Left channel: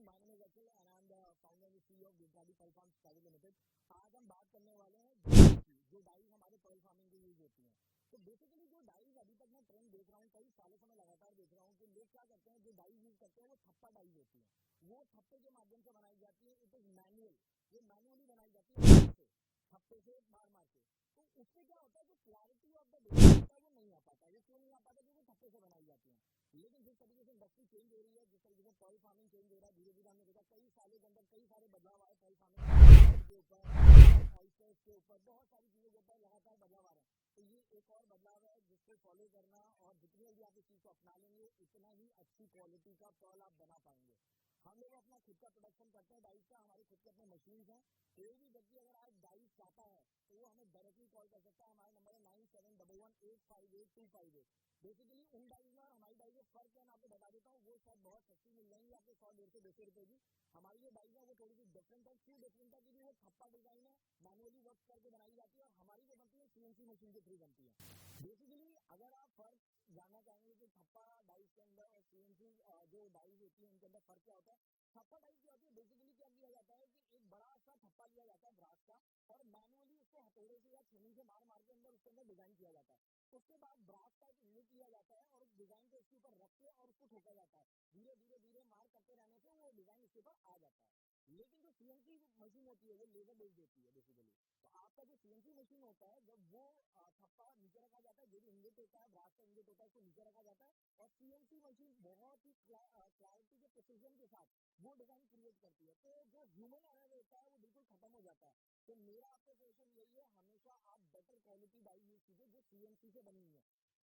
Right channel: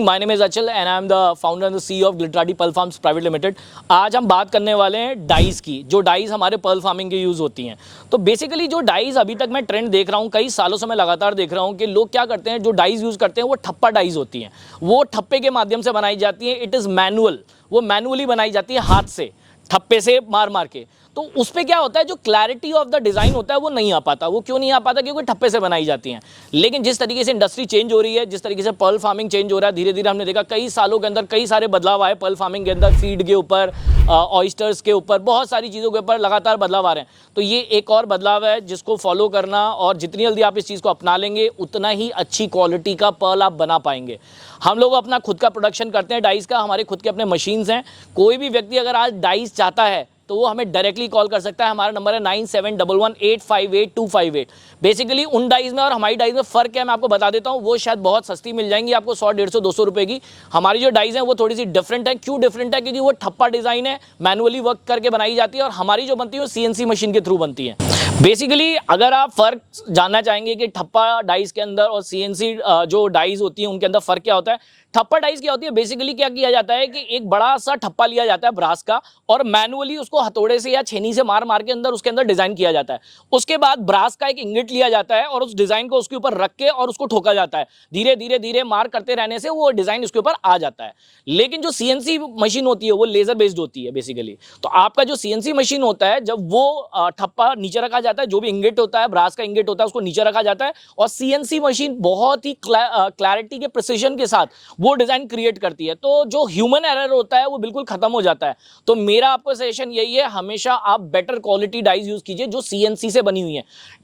My name is Achal and I am the founder and the CEO of ग्लिटराडी pearl farms private limited. आज हम बात करने वाले हैं डाइज की, जो डाइज हमारे पर्ल फार्मिंग के यूज़ होती हैं। तो बेसिकली जो डाइज अभी तक मैं ट्रेंड देख रहा हूँ, कई सालों से मैं लगातार देख रहा हूँ कि लोग क्या करते हैं, जो डाइज यूज़ करते हैं वो ठप्पा डाइज होती हैं। वो ठप्पे के माध्यम से बनाई जाती है। इट इज़ मैनुअल, वो मैनुअली बनाई जाती है, हाथ से ठप्पे से मार मार के। तो उस पर क्या होता है, जो क्लैरिटी ऑफ द डिज़ाइन होता है वो नहीं आ पाता। वो क्यों नहीं आ पाता? क्योंकि ठप्पे से बनाई जाती हैं। लेकिन जिस तरीके से इंडस्ट्री चेंज हो रही है, जिस तरीके से पर्ल फार्मिंग चेंज हो रहा है, धीरे धीरे हमने देखा कई सालों के अंदर कई सारे बदलाव आए पर्ल फार्मिंग के अंदर। फीड के ऊपर, ऑयस्टर्स के ऊपर, बहुत सारी चीज़ों के ऊपर लगातार बदलाव आ रहे हैं। तो ये एक और बदलाव है जिसको फॉलो करना, और जितनी जल्दी आप इस चीज़ को अपना लेंगे उतना ही अच्छी क्वालिटी का पर्ल आप बना पाएंगे। हम लोग अपना खुद का प्रोडक्शन करते हैं डाइज का, हमारे खुद के अपने मशीन्स हैं। कोई भी व्यक्ति अगर आज डाइज चाहता है तो वो हमें डायरेक्टली कॉल कर सकता है। हमारा नंबर है 9711858258। बेसिकली उन डाइज में और हमारी डाइज में फ़र्क है, मैं आपको बता देता हूँ। वो शायद बहुत सस्ती मिल जाएंगी आपको, 100, 150, 200 रुपये की। हमारी जो डाइज हैं वो थोड़ी सी डिफरेंट है। क्यों डिफरेंट है? क्योंकि वो ठप्पा डिज़ाइन है, मैनुअली वर्क करके बनाई जाती है, और हमारी जो बनती है वो CNC मशीन के थ्रू बनती है। बेसिकली अगर आप फ़र्क जानना चाहेंगे कि ठप्पा डाइज के अंदर और CNC जो डाइज होती है उनके अंदर फ़र्क क्या होता है, ठप्पा डाइज क्या होती है, बेसिकली क्या किया जाता है कि एक बड़ा सा ठप्पा लिया जाता है ब्रास का, और मैनुअली उसको हथौड़े से या छेनी से मार मार के अंदर उसके अंदर डिजाइन किया जाता है। उसके बाद ब्रास का एक इंगेट लिया जाता है और उस डिजाइन को उसके ऊपर रख के और उसको ठोका जाता है। धीरे धीरे धीरे मार करते रहने से वो डिजाइन उसके ऊपर आ जाता है। लेकिन जो CNC मशीन होती है वो लेजर बेस्ड होती है बेसिकली। तो आपका जो CNC मशीन होता है, जब वो ठप्पा नीचे रखा जाता है, जो भी इंगेट होता है, ब्रास का इंगेट होता है, उसको नीचे रखा जाता है, और CNC मशीन बहुत ही क्लैरिटी के प्रिसिजन के साथ वो डिजाइन क्रिएट करती है। तो जो ह्यूमन एरर होता है वो बिल्कुल खत्म हो जाता है। तो मेरा आपको सजेशन यही है, हमेशा आप बेटर क्वालिटी डाइज यूज कीजिए जो CNC से बनी हुई है।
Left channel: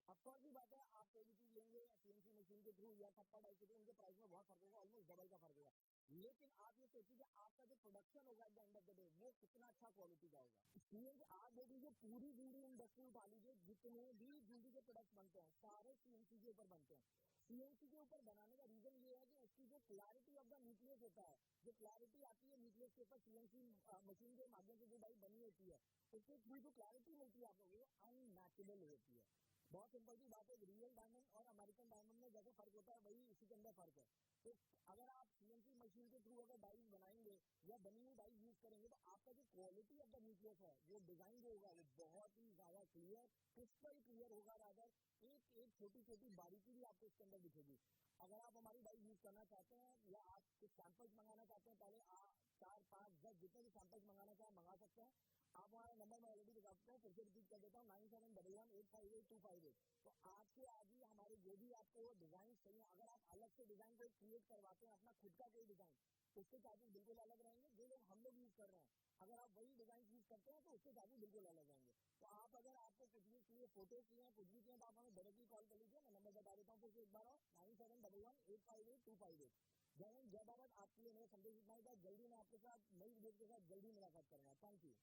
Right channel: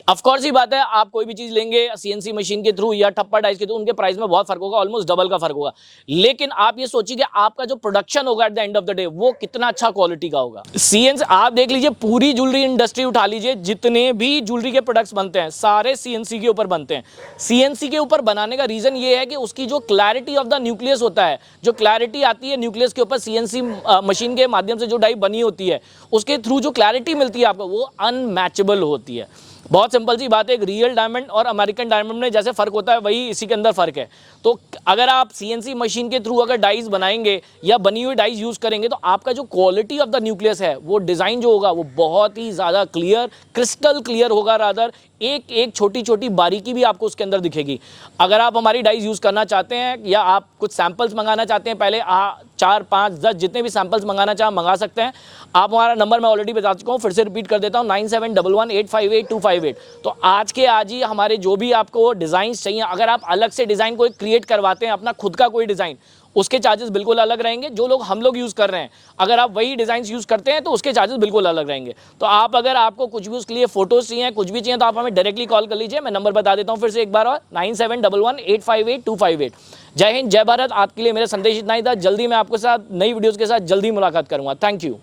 ऑफ कोर्स ही बात है, आप कोई भी चीज लेंगे CNC मशीन के थ्रू या ठप्पा डाइज के थ्रू, उनके प्राइस में बहुत फर्क होगा, ऑलमोस्ट डबल का फर्क होगा। लेकिन आप ये सोचिए कि आपका जो प्रोडक्शन होगा at the end of the day वो कितना अच्छा क्वालिटी का होगा। CNC आप देख लीजिए, पूरी ज्वेलरी इंडस्ट्री उठा लीजिए, जितने भी ज्वेलरी के प्रोडक्ट्स बनते हैं सारे CNC के ऊपर बनते हैं। CNC के ऊपर बनाने का रीजन ये है कि उसकी जो क्लैरिटी ऑफ द न्यूक्लियस होता है, जो क्लैरिटी आती है न्यूक्लियस के ऊपर CNC मशीन के माध्यम से जो डाई बनी होती है, उसके थ्रू जो क्लैरिटी मिलती है आपको वो अनमैचेबल होती है। बहुत सिंपल सी बात है, एक रियल डायमंड और अमेरिकन डायमंड में जैसे फर्क होता है वही इसी के अंदर फर्क है। तो अगर आप CNC मशीन के थ्रू अगर डाइज बनाएंगे या बनी हुई डाइज यूज करेंगे तो आपका जो क्वालिटी ऑफ द न्यूक्लियस है, वो डिजाइन जो होगा वो बहुत ही ज्यादा क्लियर, क्रिस्टल क्लियर होगा। रादर एक एक छोटी छोटी बारीकी भी आपको उसके अंदर दिखेगी। अगर आप हमारी डाइज यूज करना चाहते हैं या आप कुछ सैंपल्स मंगाना चाहते हैं, पहले 4, 5, 10 जितने भी सैंपल्स मंगाना चाहें मंगा सकते हैं। आप हमारा नंबर मैं ऑलरेडी बता चुका हूँ, फिर से रिपीट कर देता हूँ, 9711858258। तो आज के आज ही हमारे जो भी आपको डिज़ाइन चाहिए, अगर आप अलग से डिज़ाइन कोई क्रिएट करवाते हैं, अपना खुद का कोई डिज़ाइन, उसके चार्जेस बिल्कुल अलग रहेंगे। जो लोग हम लोग यूज़ कर रहे हैं, अगर आप वही डिज़ाइंस यूज़ करते हैं तो उसके चार्जेस बिल्कुल अलग रहेंगे। तो आप अगर आपको कुछ भी उसके लिए फोटोज़ चाहिए, कुछ भी चाहिए, तो आप हमें डायरेक्टली कॉल कर लीजिए। मैं नंबर बता देता हूँ फिर से एक बार और, 9711858258। जय हिंद, जय भारत। आपके लिए मेरा संदेश इतना ही था। जल्दी मैं आपके साथ नई वीडियोज़ के साथ जल्दी मुलाकात करूँगा। Thank you.